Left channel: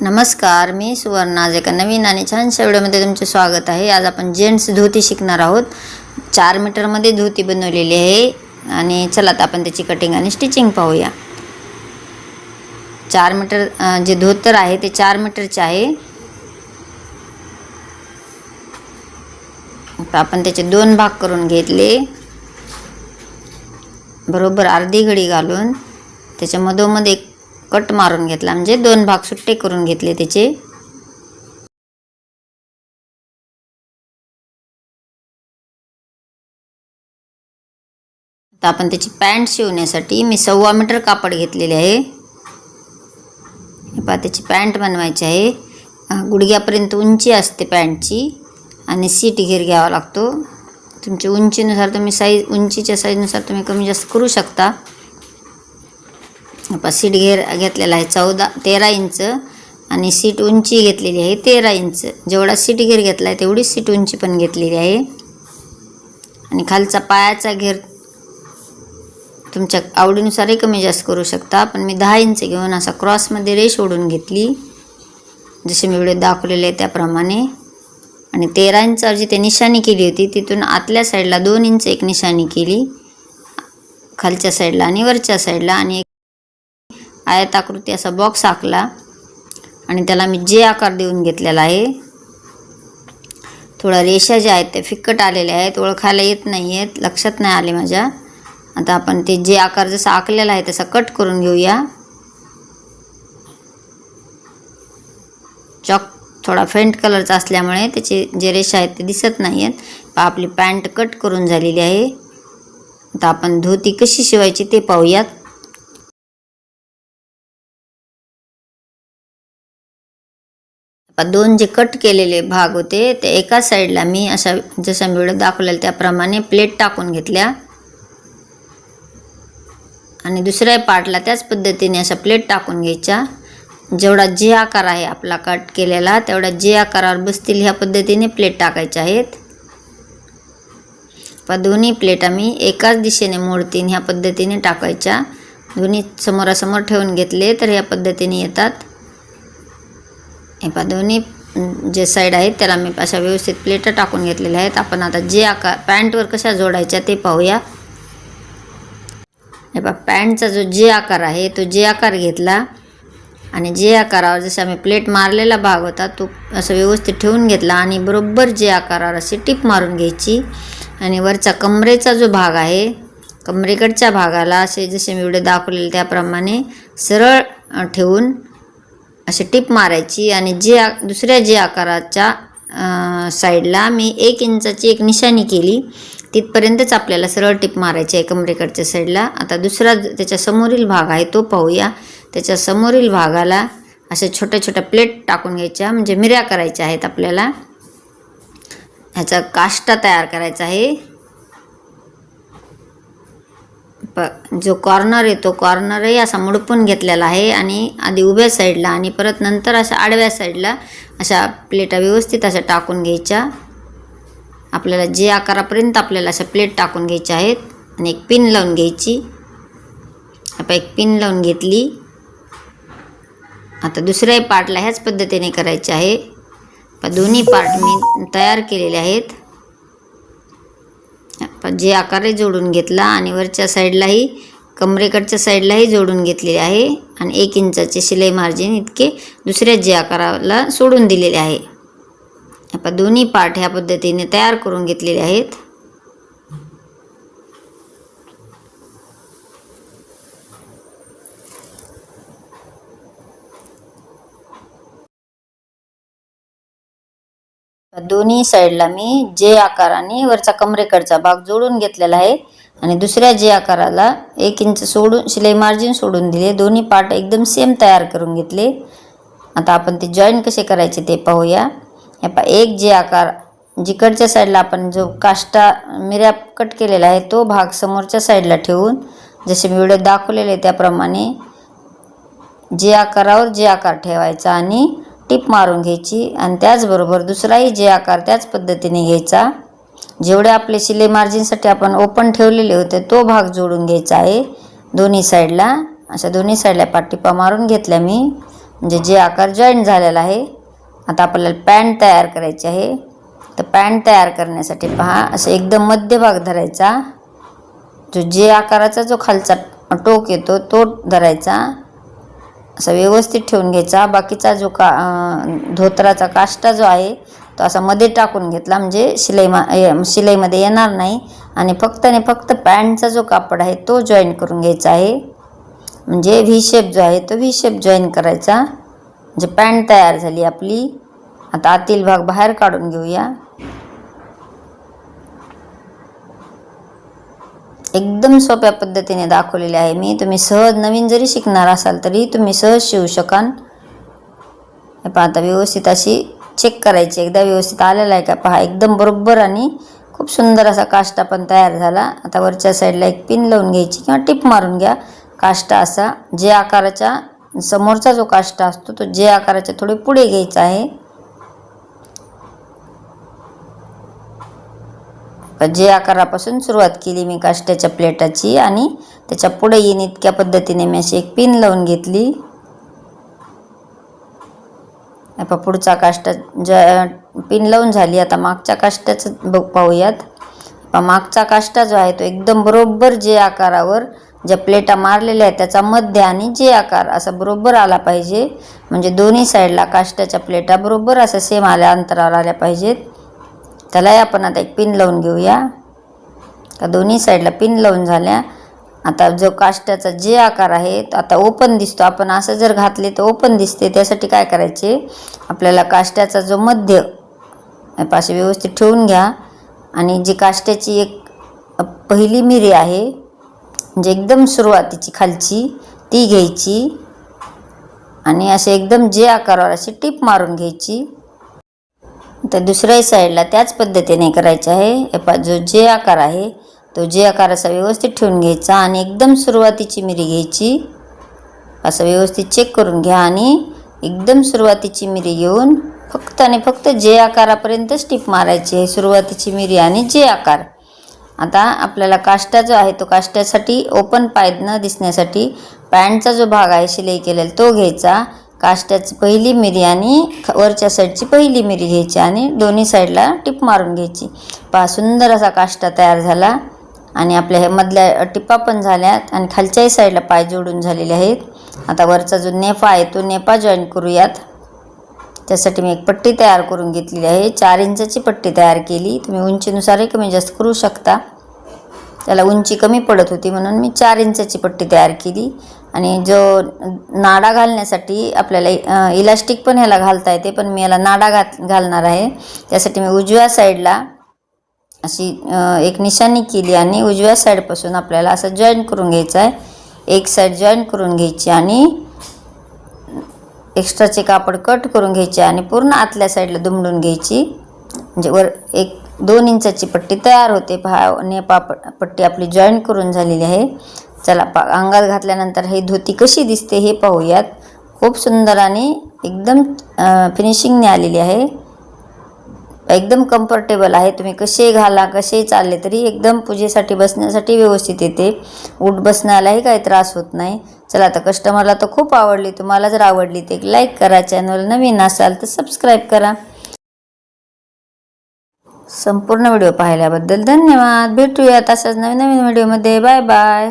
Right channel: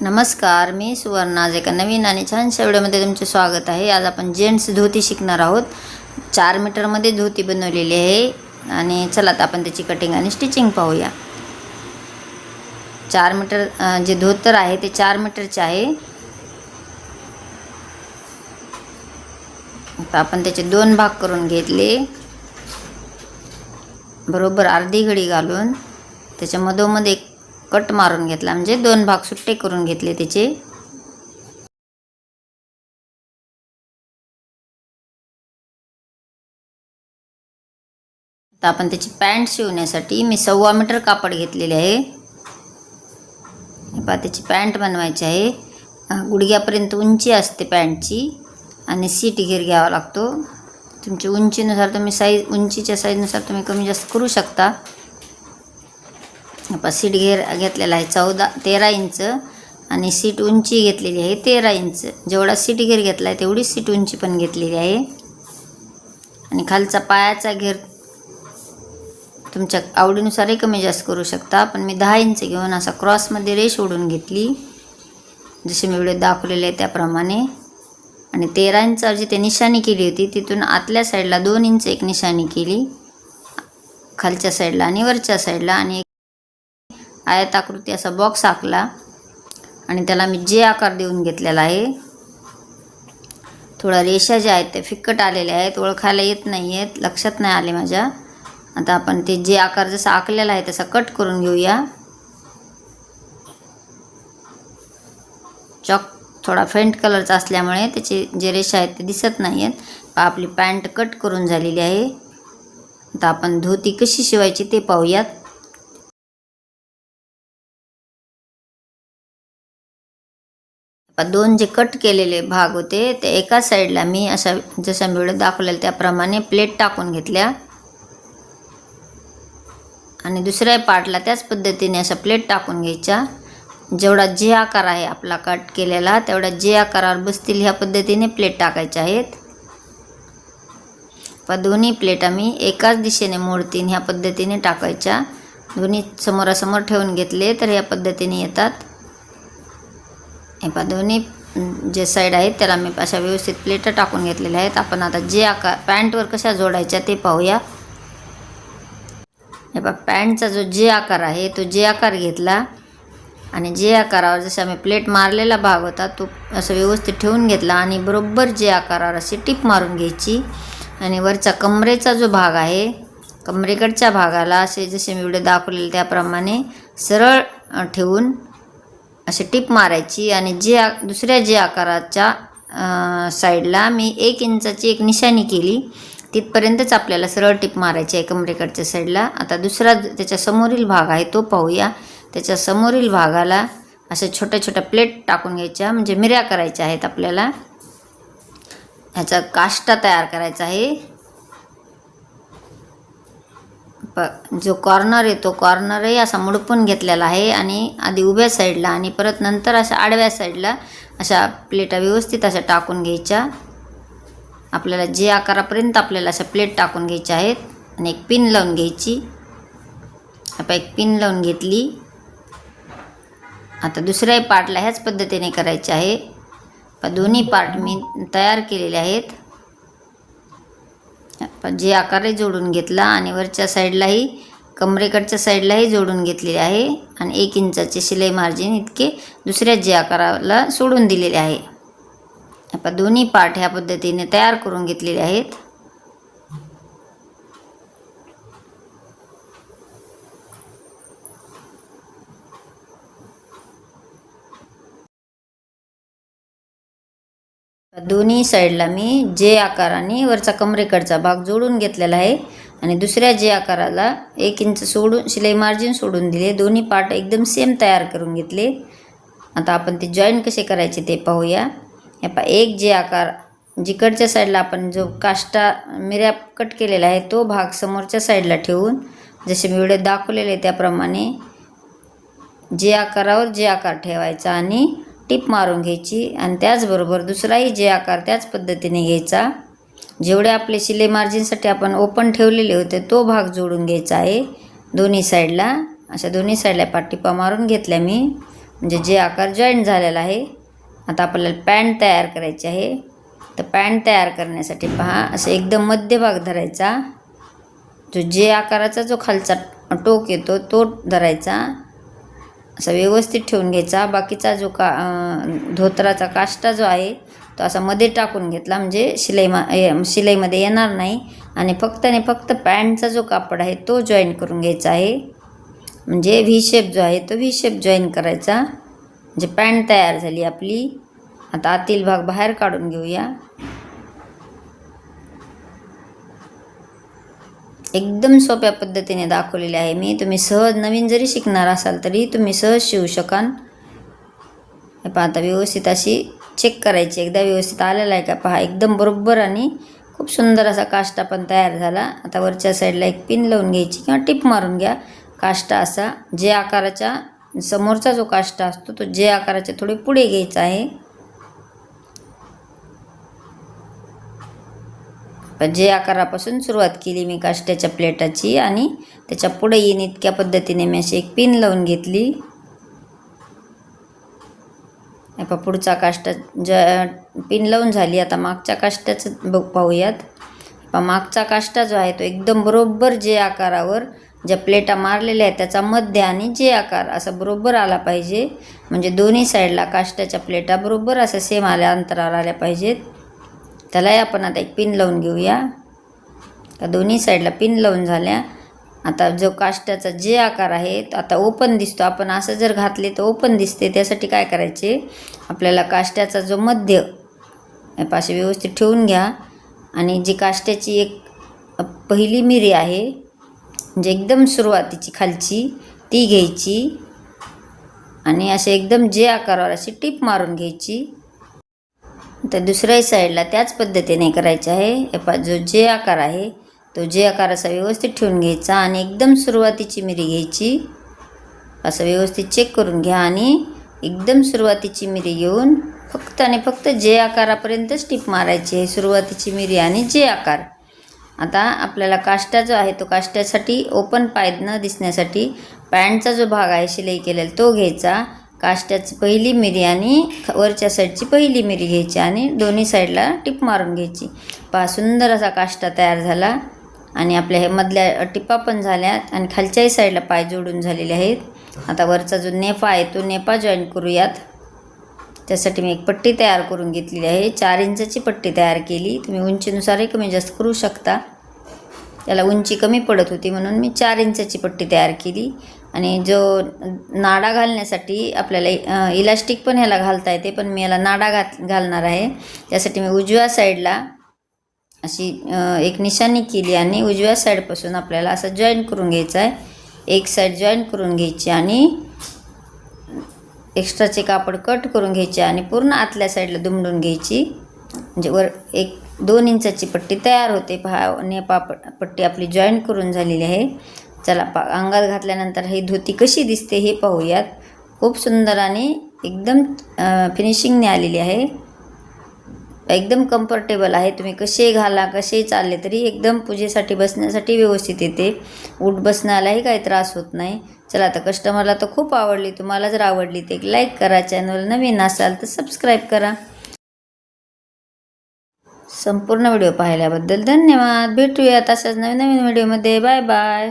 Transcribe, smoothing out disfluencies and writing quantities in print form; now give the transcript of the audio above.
नमस्कार, मी सुवर्णा. आज एका नवीन आणि छानशा व्हिडिओमध्ये तुमचे स्वागत आहे. आज आपण जेंट्स धोती शिकणार आहोत. 4 मीटरमध्ये धोती बनवलेली आहे आणि चला आता आपण त्याची कटिंग आणि स्टिचिंग पाहूया. 4 मीटर जे धोतर आहे ते 4 मीटरचे आहे. आता आपण त्याचे 2 भाग करून घेतले. बरोबर अर्धी घडी घालून त्याच्या मधोमध एक कट मारून घेतला, म्हणजे 2 भाग सुट्टे करून घेतले त्याचे. आता आपण त्याची पॅन्ट शिवण्यासाठी मी 1.25 मीटर कापड घेतलेले आहे. पहा त्याची पॅन्ट बनवायची आहे. गुडघ्यापर्यंत उंची असते पॅन्टची आणि सीट घेर घ्यावा लागतो. तुमच्या उंचीनुसार तुम्ही उंचीच्या साईजनुसार तुम्ही कमी जास्त करू शकता. पहा सीट घेर घेतलेला आहे 13 इंच आणि सीट उंची घेतलेली आहे 13 इंच. जेवढा सीट घेर घेतला आहे तेवढी सीट उंची पण घेतलेली आहे. आणि खालचा पायाचा घेर तुमच्या आवडीनुसारही कमी जास्त करू शकता, पण मी 10 इंच घेऊन असा क्रॉसमध्ये रेष ओढून घेतली, जसे मी व्हिडिओ दाखवलेले आहे त्याप्रमाणे. आणि 13 इंचावर जी ते निशाणी केली होती तिथून आतल्या साईडला 2 इंच एक निशाणी केली, खालच्या साईडला आणि वरच्या साईडला. आणि आयताकृती असा बॉक्स आखला आणि त्याला मी जे आकार देऊन घेतलेला आहे. थोडा रेषा ज्या आहेत ते फिक्कट आलेले आहेत, ओळखायला येत नाही आहेत, लक्षात नाही आले माझ्या. आता आपण ते जे आकार जसा आखलेला आहे तसा कट करून घेऊया. चॉक थोडा फेंट कलरचा असल्यामुळे त्याचे जे रेषा आहेत ते दिसत नाही आहेत. आपली पॅन्ट कट करून झालेली आहे. आता आपण धोती कशी शिवायची ते पाहूयात. दोन जे कट केलेले भाग होते ते एका साईडला मी अशा जशा व्हिडिओ दाखवलेला त्याप्रमाणे प्लेट टाकून घेतल्या आणि दुसऱ्या पार्टला त्याच पद्धतीने अशा प्लेट टाकून घ्यायच्या. जेवढा जे आकार आहे आपला कट केलेला तेवढा जे आकारावर बसतील ह्या पद्धतीने प्लेट टाकायच्या आहेत. दोन्ही प्लेटा मी एकाच दिशेने मोडतीन ह्या पद्धतीने टाकायच्या. दोन्ही समोरासमोर ठेवून घेतले तर ह्या पद्धतीने येतात. हे पहा दोन्ही जे साईड आहेत त्याला मी अशा व्यवस्थित प्लेट टाकून घेतलेल्या आहेत. आपण आता जे आकार पॅन्टवर कशा जोडायच्या ते पाहूया. हे पहा पॅन्टचा जो जे आकार आहे तो जे आकार घेतला आणि जे आकारावर जसा मी प्लेट मारलेला भाग होता तो असं व्यवस्थित ठेवून घेतला आणि बरोबर जे आकारावर अशी टिप मारून घ्यायची. आणि वरचा कमरेचा जो भाग आहे कमरेकडच्या भागाला असे जसे मी व्हिडिओ दाखवलेले त्याप्रमाणे सरळ ठेवून अशी टिप मारायची. आणि दुसऱ्या जे आकाराच्या साईडला मी 1 इंचाची एक निशाणी केली, तिथपर्यंतच आपल्याला सरळ टिप मारायची आहे कमरेकडच्या साईडला. आता दुसरा त्याच्या समोरील भाग आहे तो पाहूया. त्याच्या समोरील भागाला अशा छोट्या छोट्या प्लेट टाकून घ्यायच्या, म्हणजे मिऱ्या करायच्या आहेत आपल्याला. ह्याचा काष्टा तयार करायचा आहे. जो कॉर्नर आहे तो कॉर्नरही असा मुडपून घेतलेला आहे आणि आधी उभ्या साईडला आणि परत नंतर अशा आडव्या साईडला अशा प्लेटा व्यवस्थित अशा टाकून घ्यायच्या. आपल्याला जे आकारापर्यंत आपल्याला अशा प्लेट टाकून घ्यायच्या आहेत आणि एक पिन लावून घ्यायची. आपण एक पिन लावून घेतली. आता दुसऱ्याही पार्टला ह्याच पद्धतीने करायचे आहे. दोन्ही पार्ट मी तयार केलेले आहेत. जे आकारही जोडून घेतला आणि वरच्या साईडलाही कमरेकडच्या साईडलाही जोडून घेतलेले आहे आणि 1 इंचाचे शिलाई मार्जिन इतके दुसऱ्या जे आकाराला सोडून दिलेले आहे. आपण दोन्ही पार्ट ह्या पद्धतीने तयार करून घेतलेले आहेत. दोन्ही साईडला मी जे आकाराने वरचा कमरेकडचा भाग जोडून घेतलेला आहे आणि दुसऱ्या जे आकाराला 1 इंच सोडून शिलाई मार्जिन सोडून दिले. दोन्ही पार्ट एकदम सेम तयार करून घेतले. आता आपण ते जॉईन कसे करायचे ते पाहूया. एक जे आकार जिकडच्या साईडला आपण जो काष्टा मिऱ्या कट केलेला आहे तो भाग समोरच्या साईडला ठेवून जसे मी व्हिडिओ दाखवलेले त्याप्रमाणे जे आकारावर जे आकार ठेवायचा आणि टिप मारून घ्यायची. आणि त्याचबरोबर दुसराही जे आकार त्याच पद्धतीने घ्यायचा. जेवढे आपले शिलाई मार्जिनसाठी आपण ओपन ठेवलेले होते तो भाग जोडून घ्यायचा आहे दोन्ही साईडला. अशा दोन्ही साईडला पाटिपा मारून घेतल्या मी. म्हणजे जे आकार जॉईंट झालेला आहे. आता आपल्याला पॅन्ट तयार करायची आहे. तर पॅन्ट तयार करण्यासाठी पहा, असं एकदम मध्यभाग धरायचा. जो जे आकाराचा जो खालचा टोक येतो तो धरायचा, असा व्यवस्थित ठेवून घ्यायचा. बाकीचा जो धोतराचा काष्टा जो आहे तो असा मध्ये टाकून घेतला, म्हणजे शिलाईमध्ये येणार नाही. आणि फक्त पॅन्टचा जो कापड आहे तो जॉईन करून घ्यायचा आहे. म्हणजे व्ही शेप जो आहे तो व्ही शेप जॉईन करायचा. म्हणजे पॅन्ट तयार झाली आपली. आता आतील भाग बाहेर काढून घेऊया. एकदम सोप्या पद्धतीने दाखवलेले आहे मी. तुम्ही सहज नवीन जरी शिकणार असाल तरी तुम्ही सहज शिवू शकाल. हे पहा, आता व्यवस्थित अशी चेक करायची, एकदा व्यवस्थित आलेला आहे का पहा. एकदम बरोबर आणि खूप सुंदर असा काष्टा पण तयार झाला. आता वरच्या साईडला एक पिन लावून घ्यायची किंवा टिप मारून घ्या. काष्टा असा जे आकाराच्या समोरचा जो काष्टा असतो तो जे आकाराच्या थोडे पुढे घ्यायचा आहे. जे आकारापासून सुरुवात केली मी काष्ट्याच्या प्लेटाची आणि त्याच्या पुढे येईन इतक्या पद्धतीने मी अशी एक पिन लावून घेतली. आता पुढचा काष्टा पिन लावून झाली. आता मागच्या काष्ट्याचं पाहूयात. मागचा काष्टा जो आहे तो एकदम बरोबर जे आकारावर ज्या प्लेटा मारलेल्या आहेत त्याचा मध्य आणि जे आकार असा बरोबर आला पाहिजे. म्हणजे दोन्ही साईडला काष्ट्याच्या प्लेटा बरोबर अशा सेम आल्या अंतरावर आल्या पाहिजेत. त्यालाही आपण आता एक पिन लावून घेऊया. दोन्ही साईडला पिन लावून झाल्या. आता जो काष्ट्याचा जे आकार आहे तो आता ओपन दिसतो. आपण असं जर घातले तर ओपन दिसते. त्यासाठी काय करायचे, आपल्याला काष्ट्याचा जो मध्य पाशी व्यवस्थित ठेवून घ्या. आणि जी काष्ट्याची एक पहिली मिरी आहे म्हणजे एकदम सुरुवातीची खालची ती घ्यायची आणि असे एकदम जे आकारावर अशी टिप मारून घ्यायची. तर दुसऱ्या साईडला त्याच पद्धतीने करायचे आहे. जो जे आकार आहे तो जे आकार असा व्यवस्थित ठेवून घ्यायचा आणि एकदम सुरुवातीची मिरी घ्यायची. असं व्यवस्थित चेक करून घ्या आणि एकदम सुरुवातीची मिरी घेऊन फक्त आणि फक्त जे आकारापर्यंतच टिप मारायची आहे. सुरुवातीची मिरी आणि जे आकार. आता आपल्याला काष्टा जो आहे तो काष्ट्यासाठी ओपन पाय न दिसण्यासाठी पॅन्टचा जो भाग आहे शिलाई केलेला तो घ्यायचा. काष्ट्याची पहिली मिरी आणि वरच्या साईडची पहिली मिरी घ्यायची आणि दोन्ही साईडला टिप मारून घ्यायची. पहा, सुंदर असा काष्टा तयार झाला. आणि आपल्या ह्या मधल्या टिपा पण झाल्यात आणि खालच्याही साईडला पाय जोडून झालेले आहेत. आता वरचा जो नेफा आहे तो नेफा जॉईन करूयात. त्यासाठी मी एक पट्टी तयार करून घेतलेली आहे. 4 इंचाची पट्टी तयार केली. तुम्ही उंचीनुसारही कमी जास्त करू शकता. त्याला उंची कमी पडत होती म्हणून मी 4 इंचाची पट्टी तयार केली. आणि जो नाडा घालण्यासाठी आपल्याला इलास्टिक पण ह्याला घालता येते, पण मी याला नाडा घालणार आहे. त्यासाठी मी उजव्या साईडला अशी एक निशाणी केली आणि उजव्या साईडपासून आपल्याला असं जॉईन करून घ्यायचं आहे. एक साईड जॉईन करून घ्यायची आणि एक्स्ट्राचे कापड कट करून घ्यायचे आणि पूर्ण आतल्या साईडला दुमडून घ्यायची. म्हणजे वर 1-2 इंचाची पट्टी तयार होते. पहा, नेपा पट्टी आपली जॉईन करून झालेली आहे. चला अंगात घातल्यानंतर ही धोती कशी दिसते हे पाहूयात. खूप सुंदर आणि एकदम फिनिशिंगने आलेली आहे. एकदम कम्फर्टेबल आहे. तुम्ही कसे घाला कसे चालले तरी एकदम पूजेसाठी बसण्यासाठी व्यवस्थित येते. उठ बसण्यालाही काही त्रास होत नाही. चला, आता कस्टमरला तर खूप आवडली. तुम्हाला जर आवडली तर एक लाईक करा. चॅनल नवीन असाल तर सबस्क्राईब करा. संपूर्ण व्हिडिओ पाहिल्याबद्दल धन्यवाद. भेटूयात अशाच नवीन व्हिडिओमध्ये. Bye bye.